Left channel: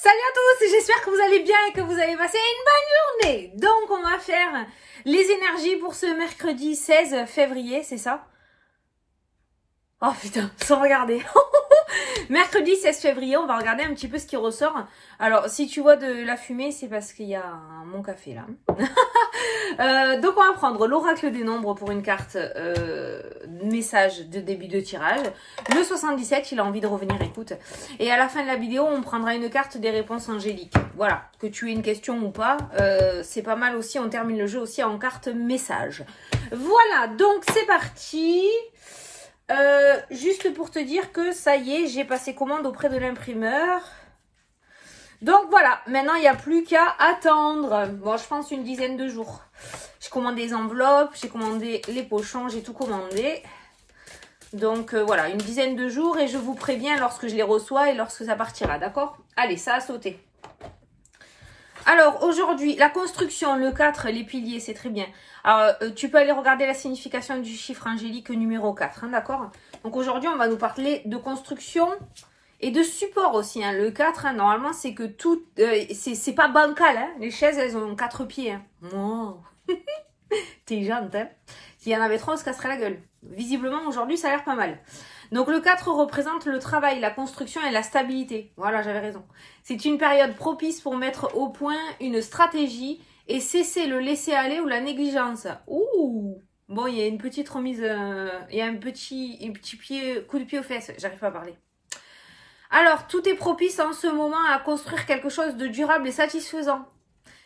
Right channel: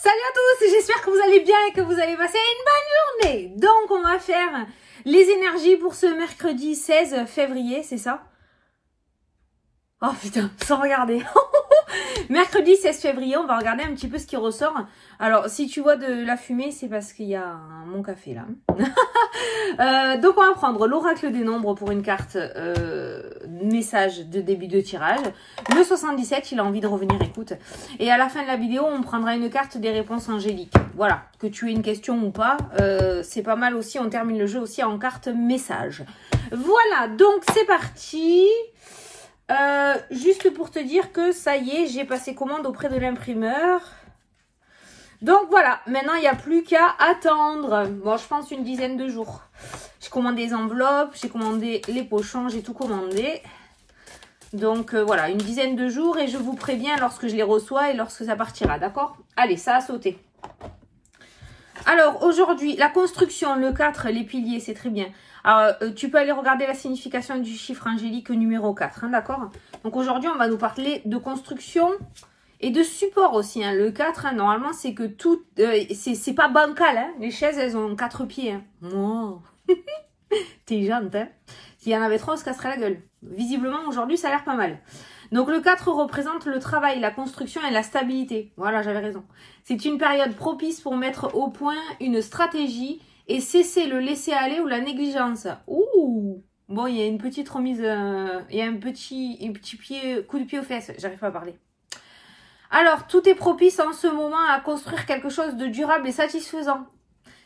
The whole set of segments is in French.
Salut à tous, j'espère que vous allez bien et que vous avez passé une bonne journée. Donc on va faire les énergies pour ce mercredi 16 février, c'est ça? Oh putain, sans regarder. Mercredi 16 février, on va regarder un petit peu ce qui ressort. Alors, si tu vois de la fumée, c'est parce qu'il y a mon café là. Donc, on va prendre l'oracle des nombres pour une carte message de début de tirage. Le 77, il a envie de revenir, écoute. Et à la fin de la vidéo, on prendra une carte des réponses angéliques. Voilà, que tu aies une question ou pas, c'est pas mal aussi. On termine le jeu aussi en carte message. Voilà, donc c'est parti. Juste pour te dire que ça y est, j'ai passé commande auprès de l'imprimeur. Donc voilà, maintenant il n'y a plus qu'à attendre. Bon, je pense une dizaine de jours. J'ai commandé les enveloppes, j'ai commandé les pochons, j'ai tout commandé. Donc voilà, une dizaine de jours et je vous préviens lorsque je les reçois et lorsque ça partira, d'accord? Allez, ça a sauté. Alors, aujourd'hui, la construction, le 4, les piliers, c'est très bien. Alors, tu peux aller regarder la signification du chiffre angélique numéro 4, hein, d'accord? Donc, aujourd'hui, on va nous parler de construction et de support aussi. Hein. Le 4, hein, normalement, c'est que tout... c'est pas bancal, hein. Les chaises, elles ont 4 pieds. Hein. Oh. T'es gentil, hein. S'il y en avait 3, on se casserait la gueule. Visiblement, aujourd'hui, ça a l'air pas mal. Donc, le 4 représente le travail, la construction et la stabilité. Voilà, j'avais raison. C'est une période propice pour mettre au point une stratégie et cesser le laisser-aller ou la négligence. Ouh! Bon, il y a une petite remise, il y a un petit pied, coup de pied aux fesses. J'arrive pas à parler. Alors, tout est propice en ce moment à construire quelque chose de durable et satisfaisant.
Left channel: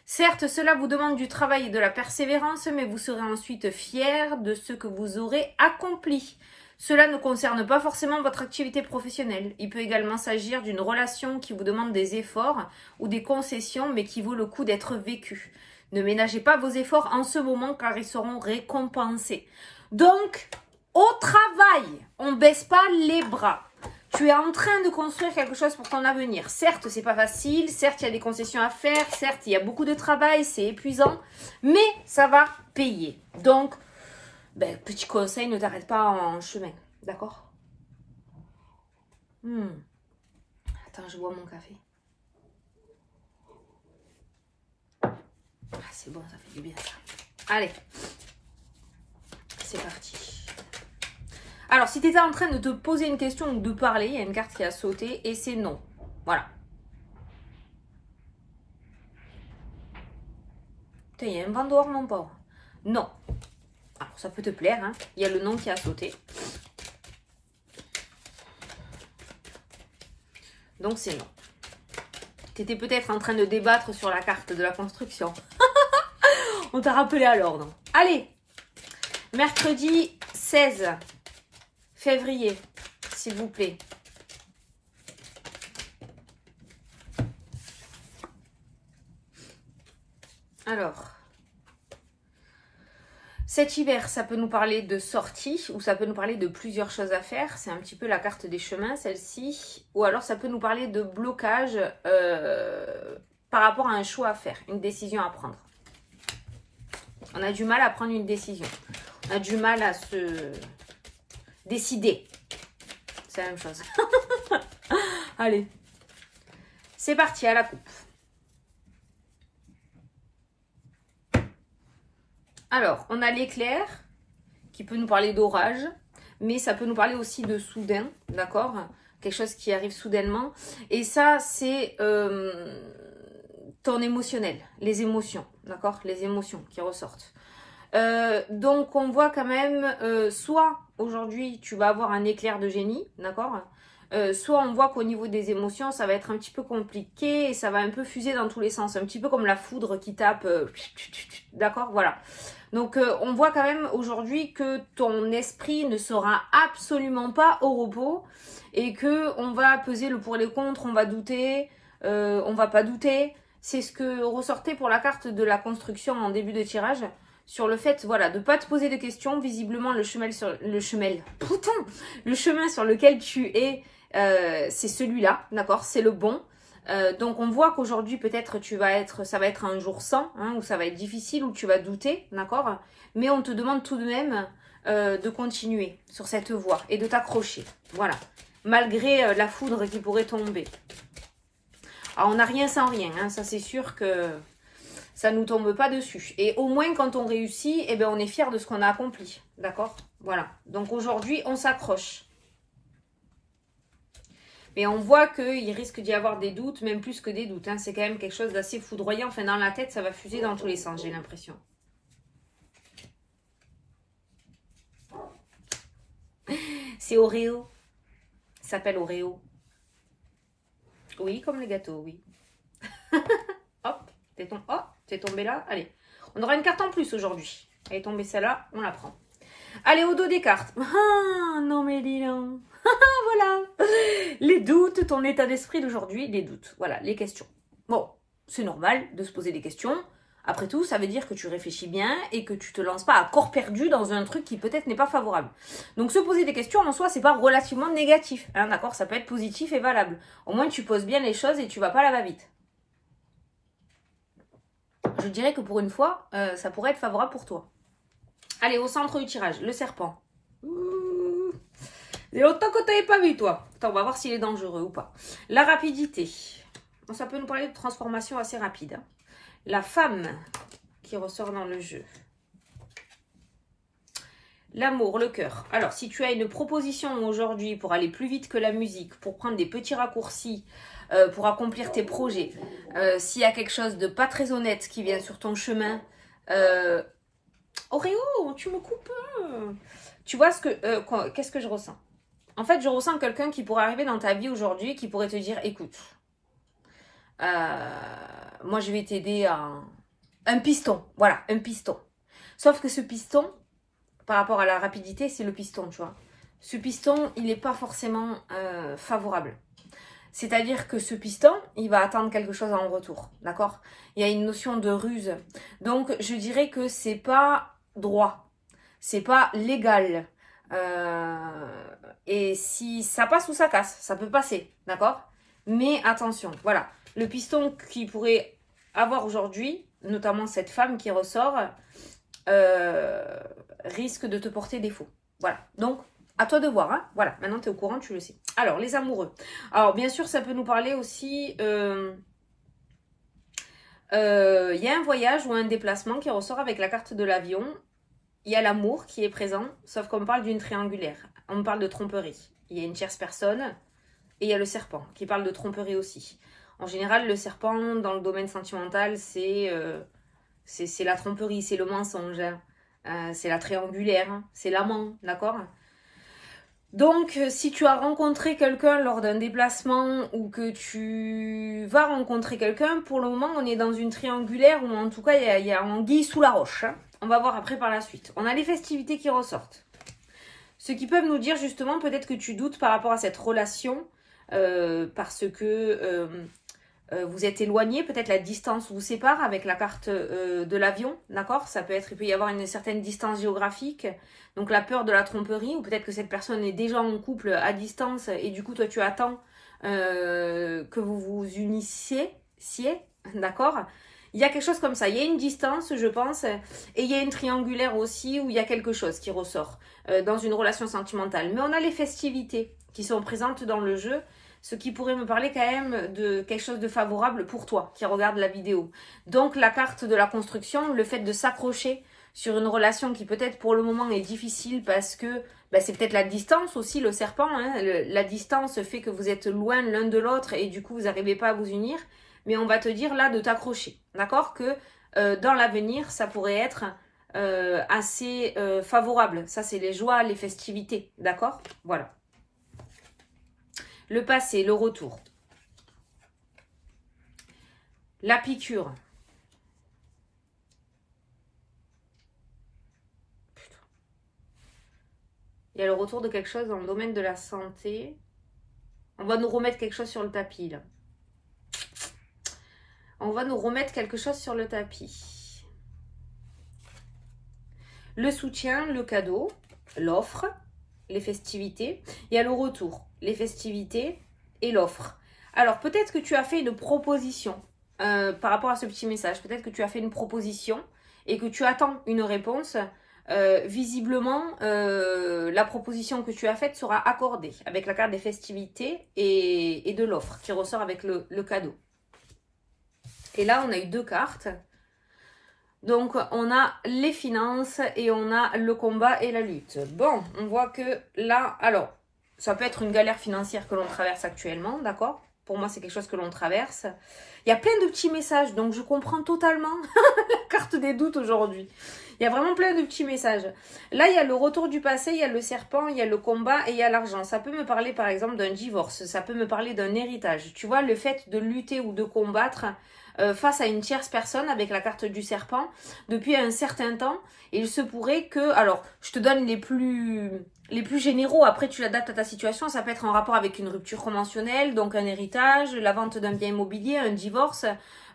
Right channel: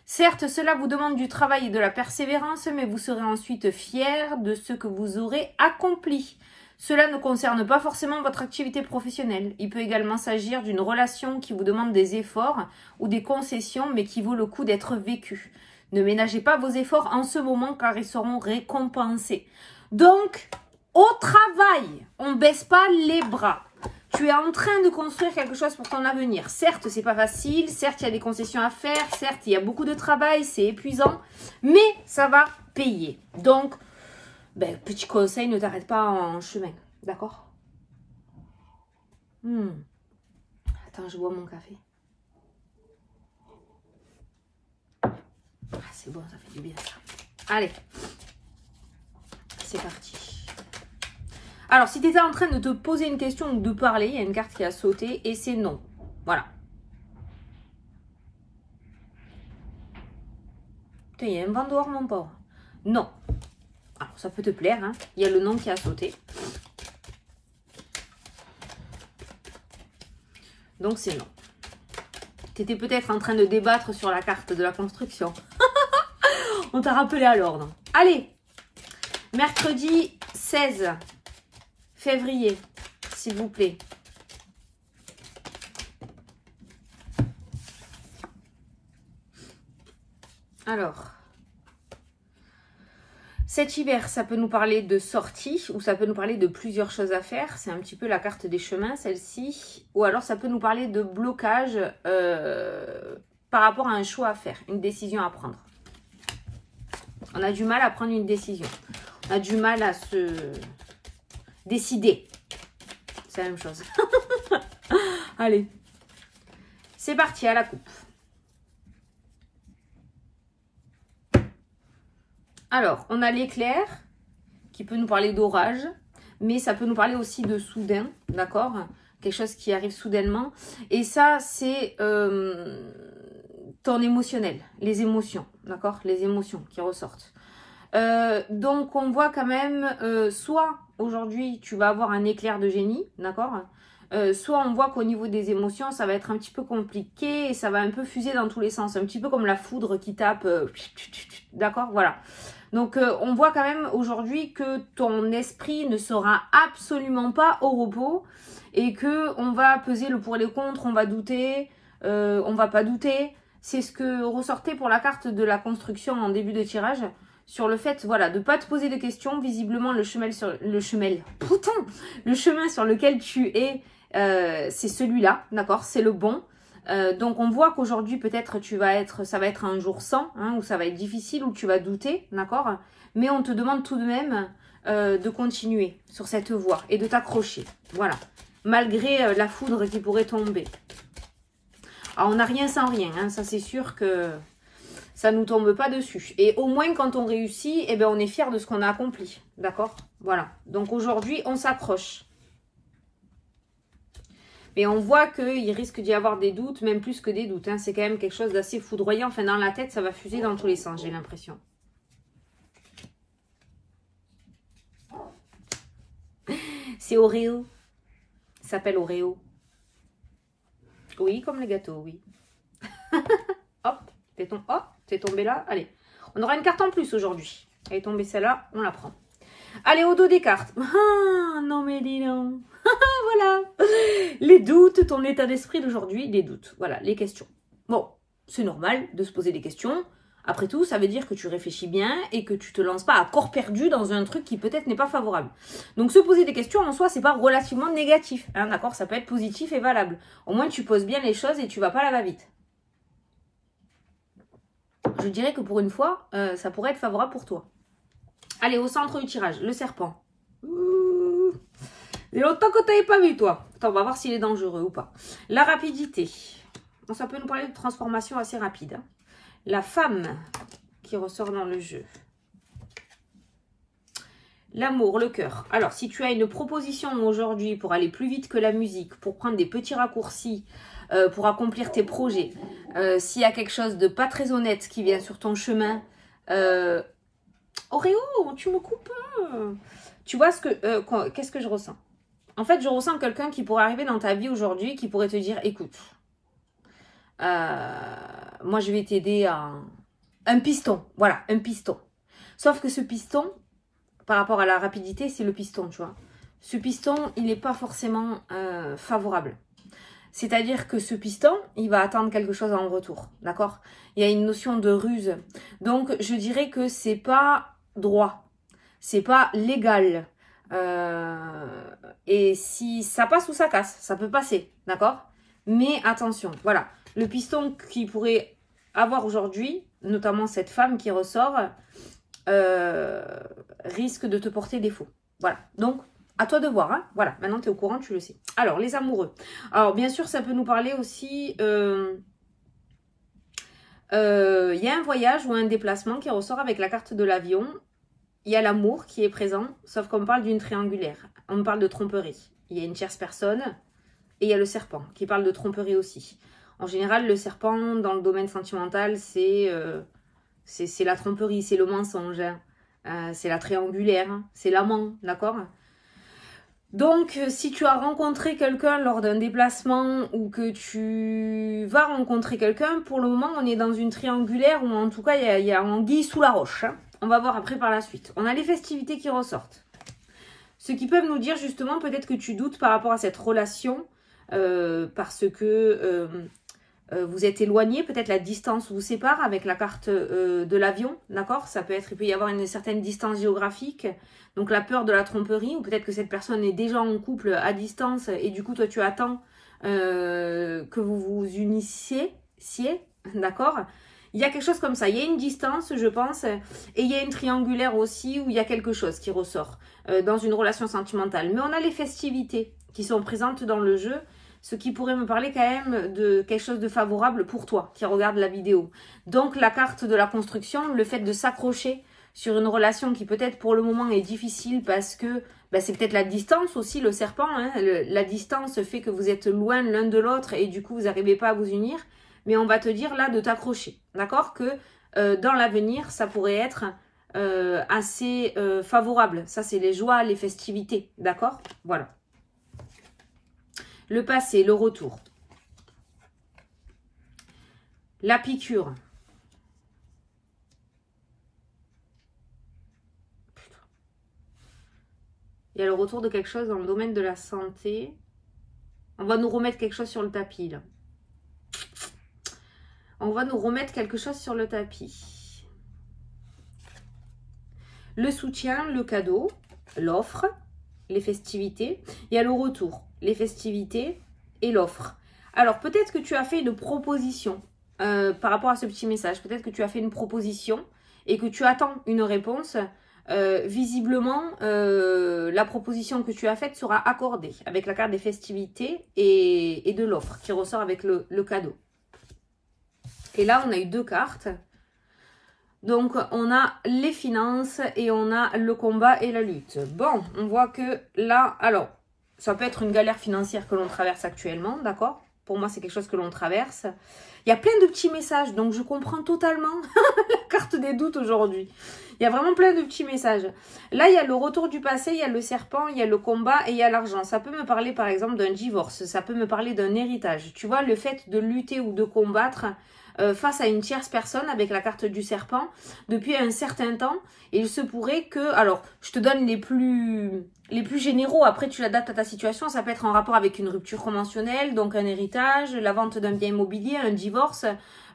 Certes, cela vous demande du travail et de la persévérance, mais vous serez ensuite fiers de ce que vous aurez accompli. Cela ne concerne pas forcément votre activité professionnelle. Il peut également s'agir d'une relation qui vous demande des efforts ou des concessions, mais qui vaut le coup d'être vécue. Ne ménagez pas vos efforts en ce moment car ils seront récompensés. Donc, au travail, on ne baisse pas les bras. Tu es en train de construire quelque chose pour ton avenir. Certes, c'est pas facile, certes, il y a des concessions à faire, certes, il y a beaucoup de travail, c'est épuisant, mais ça va payer. Donc, ben, petit conseil, ne t'arrête pas en chemin, d'accord? Attends, je bois mon café. Ah, c'est bon, ça fait du bien ça. Allez, c'est parti. Alors, si tu étais en train de te poser une question ou de parler, il y a une carte qui a sauté et c'est non. Voilà. Putain, il y a un vent dehors, mon pauvre. Non. Alors, ça peut te plaire, hein. Il y a le nom qui a sauté. Donc, c'est non. Tu étais peut-être en train de débattre sur la carte de la construction. On t'a rappelé à l'ordre. Allez, mercredi 16 février, s'il vous plaît. Alors, cet hiver, ça peut nous parler de sortie ou ça peut nous parler de plusieurs choses à faire. C'est un petit peu la carte des chemins, celle-ci. Ou alors, ça peut nous parler de blocage par rapport à un choix à faire, une décision à prendre. On a du mal à prendre une décision. On a du mal à se décider. C'est la même chose. Allez. C'est parti, à la coupe. Alors, on a l'éclair qui peut nous parler d'orage, mais ça peut nous parler aussi de soudain, d'accord? Quelque chose qui arrive soudainement. Et ça, c'est ton émotionnel, les émotions, d'accord? Les émotions qui ressortent. Donc, on voit quand même, soit aujourd'hui, tu vas avoir un éclair de génie, d'accord? Soit on voit qu'au niveau des émotions, ça va être un petit peu compliqué et ça va un peu fuser dans tous les sens. Un petit peu comme la foudre qui tape, d'accord? Voilà. Donc, on voit quand même aujourd'hui que ton esprit ne sera absolument pas au repos et que on va peser le pour et le contre, on va douter, on va pas douter. C'est ce que ressortait pour la carte de la construction en début de tirage. Sur le fait, voilà, de ne pas te poser de questions. Visiblement, le chemin sur lequel tu es, c'est celui-là, d'accord? C'est le bon. Donc, on voit qu'aujourd'hui, peut-être, ça va être un jour sans, hein, où ça va être difficile, où tu vas douter, d'accord? Mais on te demande tout de même de continuer sur cette voie et de t'accrocher, voilà. Malgré la foudre qui pourrait tomber. Alors, on n'a rien sans rien, hein, ça c'est sûr que ça ne nous tombe pas dessus. Et au moins, quand on réussit, eh ben, on est fier de ce qu'on a accompli. D'accord? Voilà. Donc, aujourd'hui, on s'accroche. Mais on voit qu'il risque d'y avoir des doutes, même plus que des doutes. Hein. C'est quand même quelque chose d'assez foudroyant. Enfin, dans la tête, ça va fuser dans tous les sens, j'ai l'impression. C'est Oreo. Ça s'appelle Oreo. Oui, comme les gâteaux, oui. Hop, t'es tombé là. Allez, on aura une carte en plus aujourd'hui. Elle est tombée celle-là, on la prend. Allez, au dos des cartes. Ah, non mais dis donc. Voilà. Les doutes, ton état d'esprit d'aujourd'hui, les doutes. Voilà, les questions. Bon, c'est normal de se poser des questions. Après tout, ça veut dire que tu réfléchis bien et que tu te lances pas à corps perdu dans un truc qui peut-être n'est pas favorable. Donc, se poser des questions en soi, c'est pas relativement négatif. Hein, d'accord? Ça peut être positif et valable. Au moins, tu poses bien les choses et tu vas pas à la va-vite. Je dirais que pour une fois, ça pourrait être favorable pour toi. Allez, au centre du tirage, le serpent. C'est longtemps que tu n'avais pas vu, toi. Attends, on va voir s'il est dangereux ou pas. La rapidité. Bon, ça peut nous parler de transformation assez rapide. Hein. La femme qui ressort dans le jeu. L'amour, le cœur. Alors, si tu as une proposition aujourd'hui pour aller plus vite que la musique, pour prendre des petits raccourcis, pour accomplir tes projets, s'il y a quelque chose de pas très honnête qui vient sur ton chemin, Oreo, tu me coupes. Tu vois qu'est-ce que je ressens? En fait, je ressens quelqu'un qui pourrait arriver dans ta vie aujourd'hui, qui pourrait te dire, écoute, moi je vais t'aider à un piston. Voilà, un piston. Sauf que ce piston, par rapport à la rapidité, c'est le piston, tu vois. Ce piston, il n'est pas forcément favorable. C'est-à-dire que ce piston, il va attendre quelque chose en retour, d'accord? Il y a une notion de ruse. Donc, je dirais que c'est pas droit, c'est pas légal. Et si ça passe ou ça casse, ça peut passer, d'accord? Mais attention, voilà. Le piston qui pourrait avoir aujourd'hui, notamment cette femme qui ressort, risque de te porter défaut. Voilà, donc à toi de voir, hein. Voilà, maintenant tu es au courant, tu le sais. Alors, les amoureux. Alors, bien sûr, ça peut nous parler aussi... y a un voyage ou un déplacement qui ressort avec la carte de l'avion. Il y a l'amour qui est présent, sauf qu'on parle d'une triangulaire. On parle de tromperie. Il y a une tierce personne et il y a le serpent qui parle de tromperie aussi. En général, le serpent, dans le domaine sentimental, c'est la tromperie, c'est le mensonge. C'est la triangulaire, hein, c'est l'amant, d'accord? Donc, si tu as rencontré quelqu'un lors d'un déplacement ou que tu vas rencontrer quelqu'un, pour le moment, on est dans une triangulaire ou en tout cas, il y a anguille sous la roche. Hein. On va voir après par la suite. On a les festivités qui ressortent. Ce qui peuvent nous dire justement, peut-être que tu doutes par rapport à cette relation parce que vous êtes éloigné, peut-être la distance vous sépare avec la carte de l'avion, d'accord? Ça peut être, il peut y avoir une certaine distance géographique, donc la peur de la tromperie, ou peut-être que cette personne est déjà en couple à distance et du coup toi tu attends que vous vous unissiez, d'accord? Il y a quelque chose comme ça, il y a une distance je pense, et il y a une triangulaire aussi où il y a quelque chose qui ressort dans une relation sentimentale. Mais on a les festivités qui sont présentes dans le jeu, ce qui pourrait me parler quand même de quelque chose de favorable pour toi qui regarde la vidéo. Donc la carte de la construction, le fait de s'accrocher sur une relation qui peut-être pour le moment est difficile parce que c'est peut-être la distance aussi, le serpent. Hein, la distance fait que vous êtes loin l'un de l'autre et du coup vous n'arrivez pas à vous unir. Mais on va te dire là de t'accrocher, d'accord? Que dans l'avenir ça pourrait être assez favorable. Ça c'est les joies, les festivités, d'accord? Voilà. Le passé, le retour. La piqûre. Putain. Il y a le retour de quelque chose dans le domaine de la santé. On va nous remettre quelque chose sur le tapis, là. On va nous remettre quelque chose sur le tapis. Le soutien, le cadeau, l'offre, les festivités. Il y a le retour, les festivités et l'offre. Alors, peut-être que tu as fait une proposition par rapport à ce petit message. Peut-être que tu as fait une proposition et que tu attends une réponse. Visiblement, la proposition que tu as faite sera accordée avec la carte des festivités et de l'offre qui ressort avec le cadeau. Et là, on a eu 2 cartes. Donc, on a les finances et on a le combat et la lutte. Bon, on voit que là, alors, ça peut être une galère financière que l'on traverse actuellement, d'accord? Pour moi, c'est quelque chose que l'on traverse. Il y a plein de petits messages, donc je comprends totalement la carte des doutes aujourd'hui. Il y a vraiment plein de petits messages. Là, il y a le retour du passé, il y a le serpent, il y a le combat et il y a l'argent. Ça peut me parler, par exemple, d'un divorce. Ça peut me parler d'un héritage. Tu vois, le fait de lutter ou de combattre face à une tierce personne avec la carte du serpent depuis un certain temps. Et il se pourrait que... Alors, je te donne les plus généraux. Après, tu l'adaptes à ta situation. Ça peut être en rapport avec une rupture conventionnelle, donc un héritage, la vente d'un bien immobilier, un divorce,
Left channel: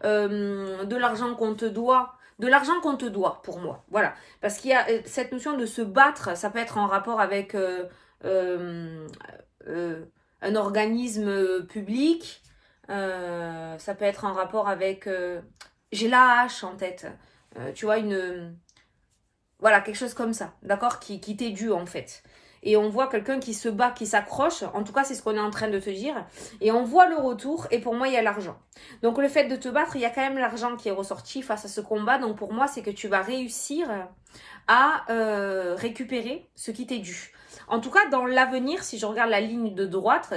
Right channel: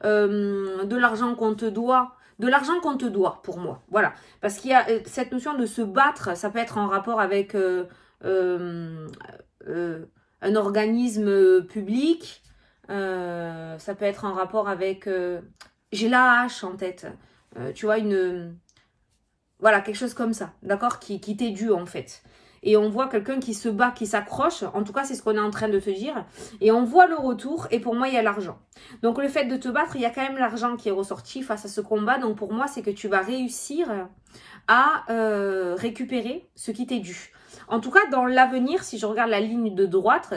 de l'argent qu'on te doit. De l'argent qu'on te doit, pour moi. Voilà. Parce qu'il y a cette notion de se battre. Ça peut être en rapport avec un organisme public. Ça peut être en rapport avec... j'ai la hache en tête. Tu vois, voilà, quelque chose comme ça. D'accord, qui t'est dû, en fait. Et on voit quelqu'un qui se bat, qui s'accroche. En tout cas, c'est ce qu'on est en train de te dire. Et on voit le retour. Et pour moi, il y a l'argent. Donc, le fait de te battre, il y a quand même l'argent qui est ressorti face à ce combat. Donc, pour moi, c'est que tu vas réussir à récupérer ce qui t'est dû. En tout cas, dans l'avenir, si je regarde la ligne de droite,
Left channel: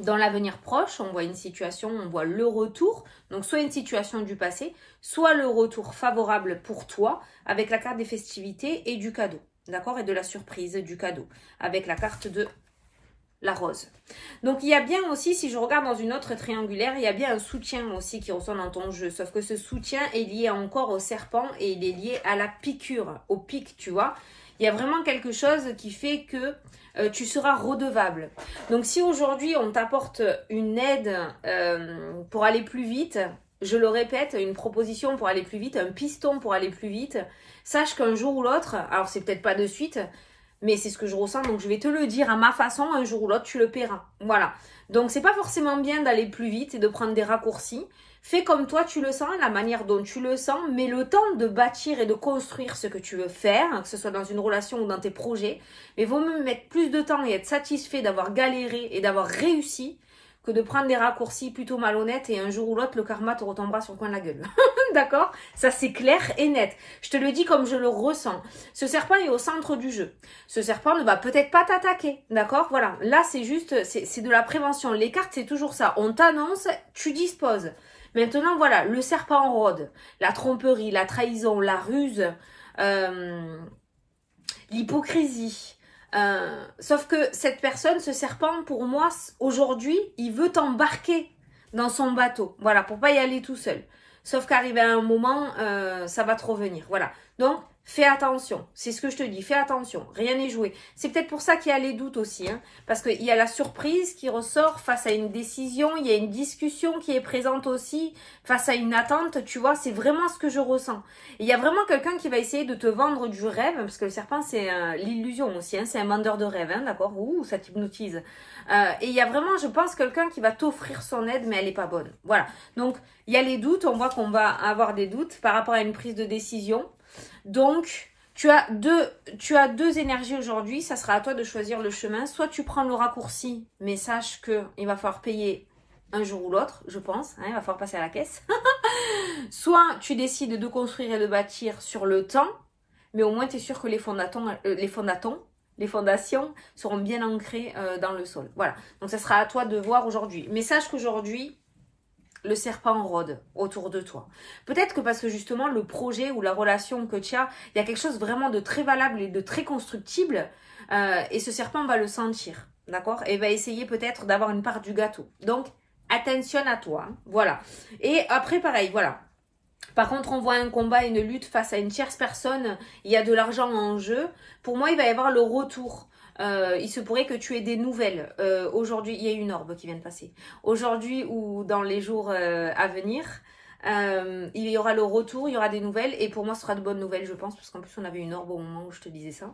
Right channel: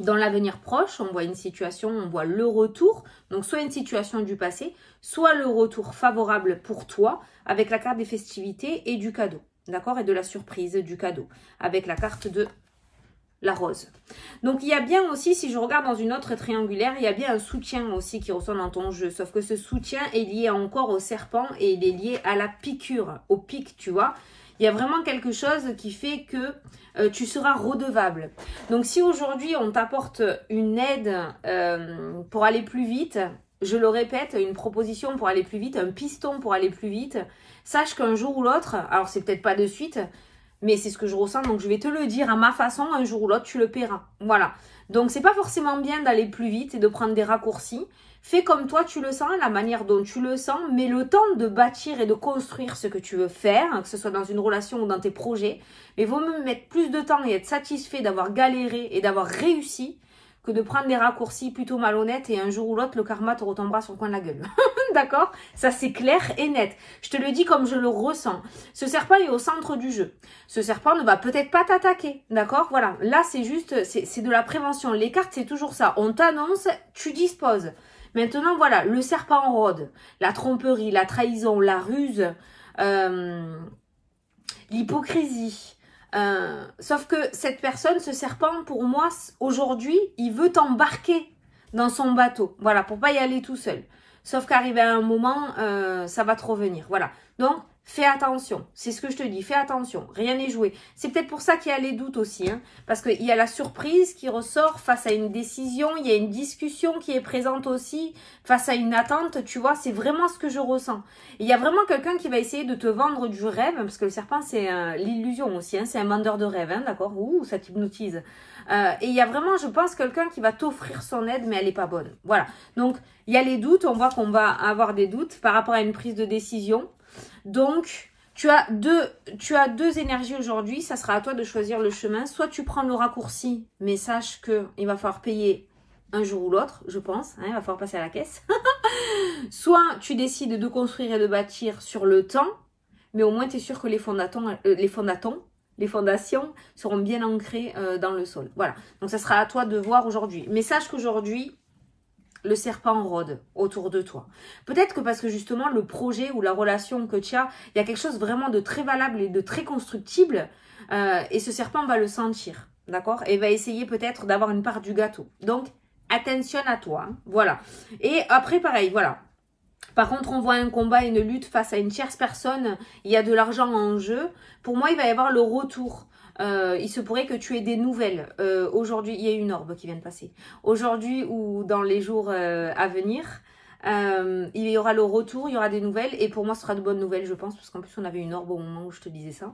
dans l'avenir proche, on voit une situation, on voit le retour. Donc, soit une situation du passé, soit le retour favorable pour toi avec la carte des festivités et du cadeau. D'accord? Et de la surprise du cadeau avec la carte de la rose. Donc, il y a bien aussi, si je regarde dans une autre triangulaire, il y a bien un soutien aussi qui ressort dans ton jeu. Sauf que ce soutien est lié encore au serpent et il est lié à la piqûre, au pic, tu vois. Il y a vraiment quelque chose qui fait que tu seras redevable. Donc, si aujourd'hui, on t'apporte une aide pour aller plus vite, je le répète, une proposition pour aller plus vite, un piston pour aller plus vite, sache qu'un jour ou l'autre, alors c'est peut-être pas de suite, mais c'est ce que je ressens, donc je vais te le dire à ma façon, un jour ou l'autre, tu le paieras. Voilà. Donc, c'est pas forcément bien d'aller plus vite et de prendre des raccourcis. Fais comme toi tu le sens, la manière dont tu le sens, mais le temps de bâtir et de construire ce que tu veux faire, que ce soit dans une relation ou dans tes projets, mais vaut mieux mettre plus de temps et être satisfait d'avoir galéré et d'avoir réussi que de prendre des raccourcis plutôt malhonnêtes et un jour ou l'autre, le karma te retombera sur le coin de la gueule. D'accord? Ça, c'est clair et net. Je te le dis comme je le ressens. Ce serpent est au centre du jeu. Ce serpent ne va peut-être pas t'attaquer. D'accord? Voilà. Là, c'est juste, c'est de la prévention. Les cartes, c'est toujours ça. On t'annonce, tu disposes. Maintenant, voilà, le serpent rôde, la tromperie, la trahison, la ruse, l'hypocrisie. Sauf que cette personne, ce serpent, pour moi, aujourd'hui, il veut t'embarquer dans son bateau. Voilà, pour pas y aller tout seul. Sauf qu'arrivé à un moment, ça va te revenir. Voilà. Donc, fais attention. C'est ce que je te dis. Fais attention. Rien n'est joué. C'est peut-être pour ça qu'il y a les doutes aussi. Hein, parce qu'il y a la surprise qui ressort face à une décision. Il y a une discussion qui est présente aussi face à une attente. Tu vois, c'est vraiment ce que je ressens. Il y a vraiment quelqu'un qui va essayer de te vendre du rêve. Parce que le serpent, c'est l'illusion aussi. Hein, c'est un vendeur de rêve. Hein, d'accord? Ouh, ça t'hypnotise. Et il y a vraiment, je pense, quelqu'un qui va t'offrir son aide, mais elle n'est pas bonne. Voilà. Donc, il y a les doutes. On voit qu'on va avoir des doutes par rapport à une prise de décision. Donc, tu as deux énergies aujourd'hui. Ça sera à toi de choisir le chemin. Soit tu prends le raccourci, mais sache qu'il va falloir payer un jour ou l'autre, je pense. Hein, il va falloir passer à la caisse. Soit tu décides de construire et de bâtir sur le temps, mais au moins tu es sûr que les fondations seront bien ancrées dans le sol. Voilà. Donc, ça sera à toi de voir aujourd'hui. Mais sache qu'aujourd'hui, le serpent rôde autour de toi. Peut-être que parce que justement, le projet ou la relation que tu as, il y a quelque chose vraiment de très valable et de très constructible. Et ce serpent va le sentir. D'accord? Et va essayer peut-être d'avoir une part du gâteau. Donc, attention à toi. Hein, voilà. Et après, pareil, voilà. Par contre, on voit un combat, une lutte face à une tierce personne. Il y a de l'argent en jeu. Pour moi, il va y avoir le retour. Il se pourrait que tu aies des nouvelles. Aujourd'hui, il y a une orbe qui vient de passer. Aujourd'hui ou dans les jours à venir, il y aura le retour, il y aura des nouvelles. Et pour moi, ce sera de bonnes nouvelles, je pense. Parce qu'en plus, on avait une orbe au moment où je te disais ça.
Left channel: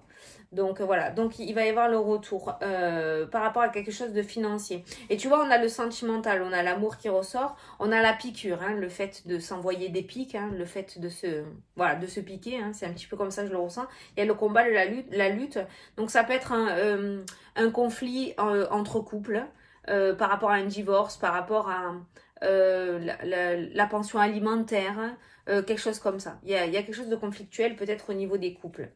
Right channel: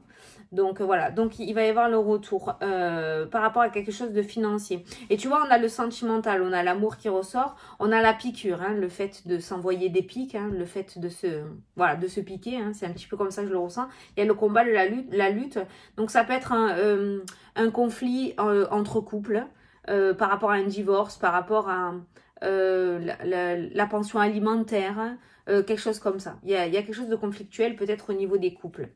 Donc voilà, donc il va y avoir le retour par rapport à quelque chose de financier. Et tu vois, on a le sentimental, on a l'amour qui ressort, on a la piqûre, hein, le fait de s'envoyer des piques, hein, le fait de se piquer, hein, c'est un petit peu comme ça que je le ressens. Il y a le combat, la lutte. Donc ça peut être un conflit entre couples. par rapport à un divorce, par rapport à la pension alimentaire, hein, quelque chose comme ça. Il y a quelque chose de conflictuel peut-être au niveau des couples.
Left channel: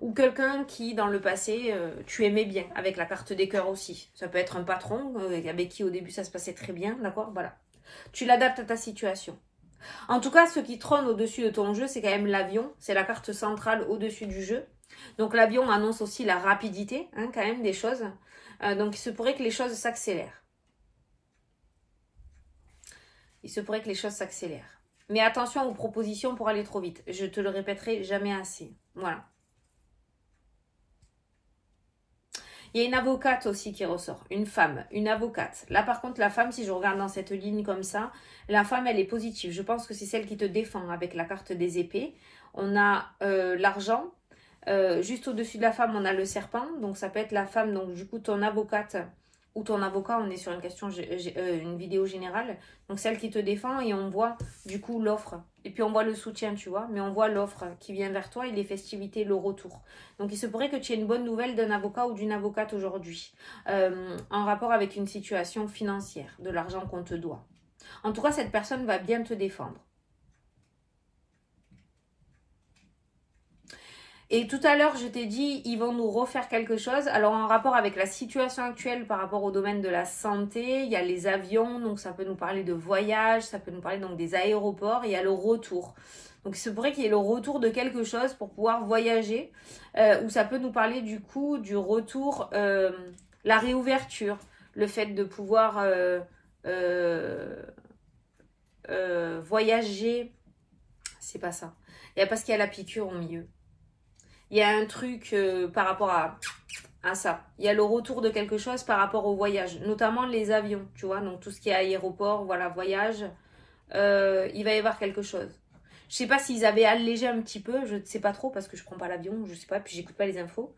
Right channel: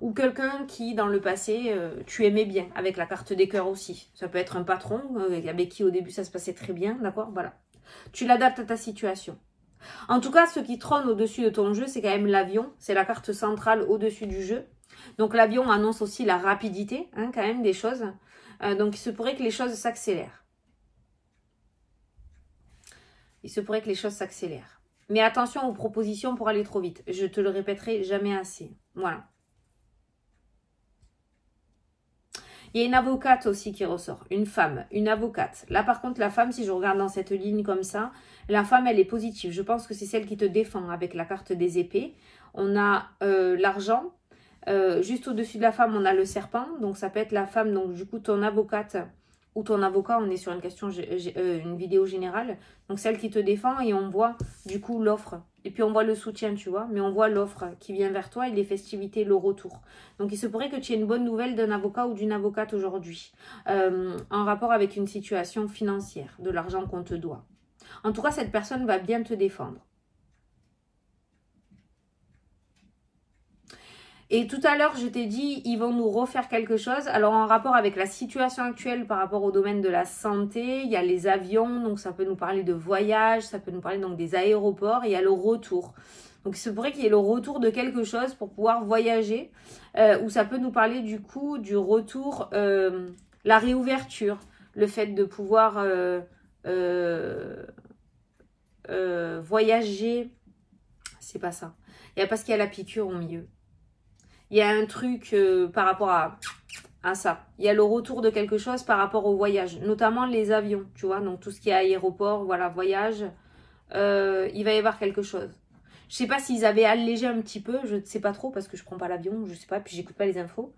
Ou quelqu'un qui, dans le passé, tu aimais bien, avec la carte des cœurs aussi. Ça peut être un patron avec qui au début ça se passait très bien, d'accord? Voilà. Tu l'adaptes à ta situation. En tout cas, ce qui trône au-dessus de ton jeu, c'est quand même l'avion. C'est la carte centrale au-dessus du jeu. Donc l'avion annonce aussi la rapidité, hein, quand même, des choses. Donc il se pourrait que les choses s'accélèrent. Il se pourrait que les choses s'accélèrent. Mais attention aux propositions pour aller trop vite. Je te le répéterai jamais assez. Voilà. Il y a une avocate aussi qui ressort. Une femme, une avocate. Là, par contre, la femme, si je regarde dans cette ligne comme ça, la femme, elle est positive. Je pense que c'est celle qui te défend avec la carte des épées. On a l'argent. Juste au-dessus de la femme, on a le serpent. Donc, ça peut être la femme, donc du coup, ton avocate ou ton avocat. On est sur une question, une vidéo générale. Donc, celle qui te défend et on voit du coup l'offre. Et puis, on voit le soutien, tu vois. Mais on voit l'offre qui vient vers toi et les festivités, le retour. Donc, il se pourrait que tu aies une bonne nouvelle d'un avocat ou d'une avocate aujourd'hui. En rapport avec une situation financière, de l'argent qu'on te doit. En tout cas, cette personne va bien te défendre. Et tout à l'heure, je t'ai dit, ils vont nous refaire quelque chose. Alors, en rapport avec la situation actuelle par rapport au domaine de la santé, il y a les avions, donc ça peut nous parler de voyage, ça peut nous parler donc des aéroports, et il y a le retour. Donc, il se pourrait qu'il y ait le retour de quelque chose pour pouvoir voyager, ou ça peut nous parler du coup du retour, la réouverture, le fait de pouvoir voyager. C'est pas ça. Il y a parce qu'il y a la piqûre au milieu. Il y a un truc par rapport à ça. Il y a le retour de quelque chose par rapport au voyage, notamment les avions, tu vois. Donc, tout ce qui est aéroport, voilà, voyage, il va y avoir quelque chose. Je sais pas s'ils avaient allégé un petit peu, je ne sais pas trop parce que je prends pas l'avion, je sais pas, puis j'écoute pas les infos.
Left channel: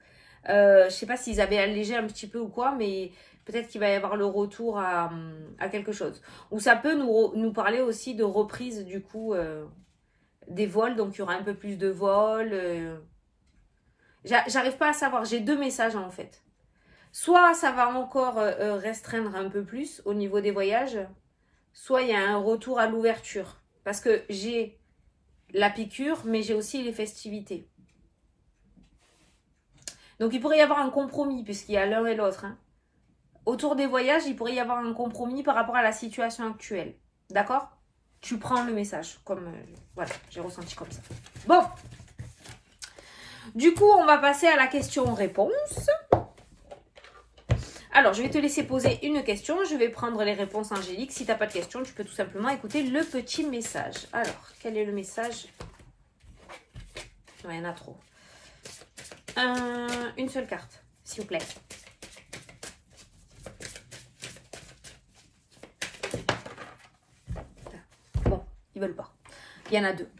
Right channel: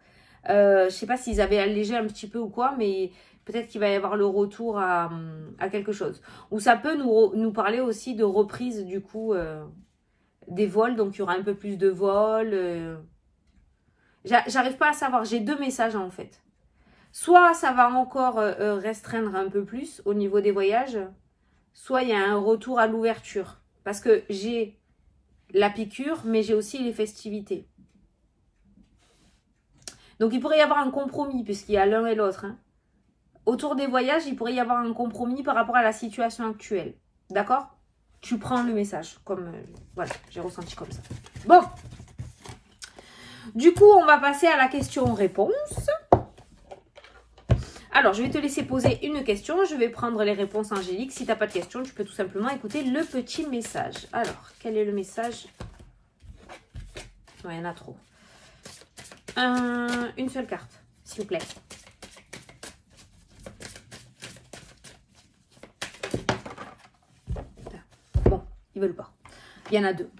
Je sais pas s'ils avaient allégé un petit peu ou quoi, mais peut-être qu'il va y avoir le retour à quelque chose. Ou ça peut nous parler aussi de reprise, du coup, des vols. Donc, il y aura un peu plus de vols. J'arrive pas à savoir. J'ai deux messages en fait. Soit ça va encore restreindre un peu plus au niveau des voyages, soit il y a un retour à l'ouverture. Parce que j'ai la piqûre, mais j'ai aussi les festivités. Donc il pourrait y avoir un compromis, puisqu'il y a l'un et l'autre. Hein. Autour des voyages, il pourrait y avoir un compromis par rapport à la situation actuelle. D'accord? Tu prends le message. Comme voilà, j'ai ressenti comme ça. Bon. Du coup, on va passer à la question-réponse. Alors, je vais te laisser poser une question. Je vais prendre les réponses angéliques. Si tu n'as pas de question, tu peux tout simplement écouter le petit message. Alors, quel est le message? Ouais, il y en a trop. Une seule carte, s'il vous plaît. Bon, ils veulent pas. Il y en a deux.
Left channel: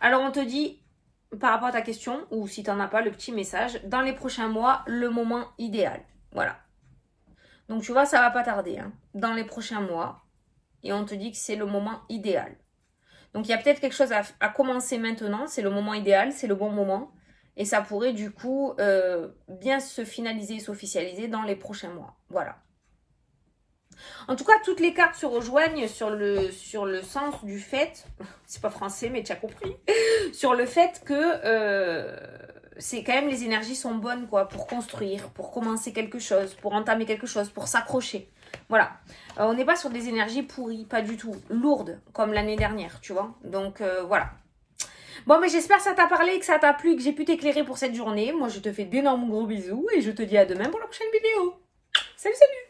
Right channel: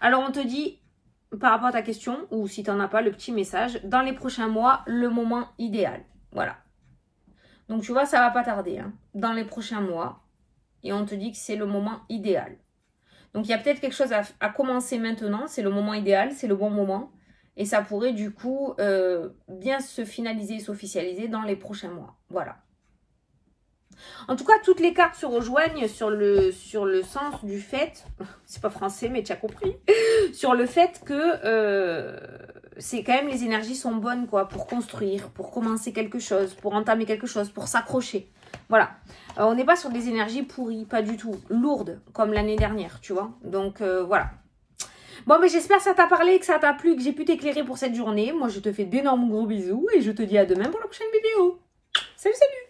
Alors, on te dit... Par rapport à ta question, ou si tu n'en as pas, le petit message, dans les prochains mois, le moment idéal. Voilà. Donc, tu vois, ça va pas tarder. Hein, dans les prochains mois. Et on te dit que c'est le moment idéal. Donc, il y a peut-être quelque chose à commencer maintenant. C'est le moment idéal, c'est le bon moment. Et ça pourrait, du coup, bien se finaliser et s'officialiser dans les prochains mois. Voilà. En tout cas, toutes les cartes se rejoignent sur le sens du fait, c'est pas français mais tu as compris, sur le fait que c'est quand même les énergies sont bonnes quoi, pour construire, pour commencer quelque chose, pour entamer quelque chose, pour s'accrocher. Voilà, on n'est pas sur des énergies pourries, pas du tout, lourdes comme l'année dernière, tu vois. Donc voilà. Bon, mais j'espère que ça t'a parlé, que ça t'a plu, que j'ai pu t'éclairer pour cette journée. Moi, je te fais d'énormes gros bisous et je te dis à demain pour la prochaine vidéo. Salut, salut!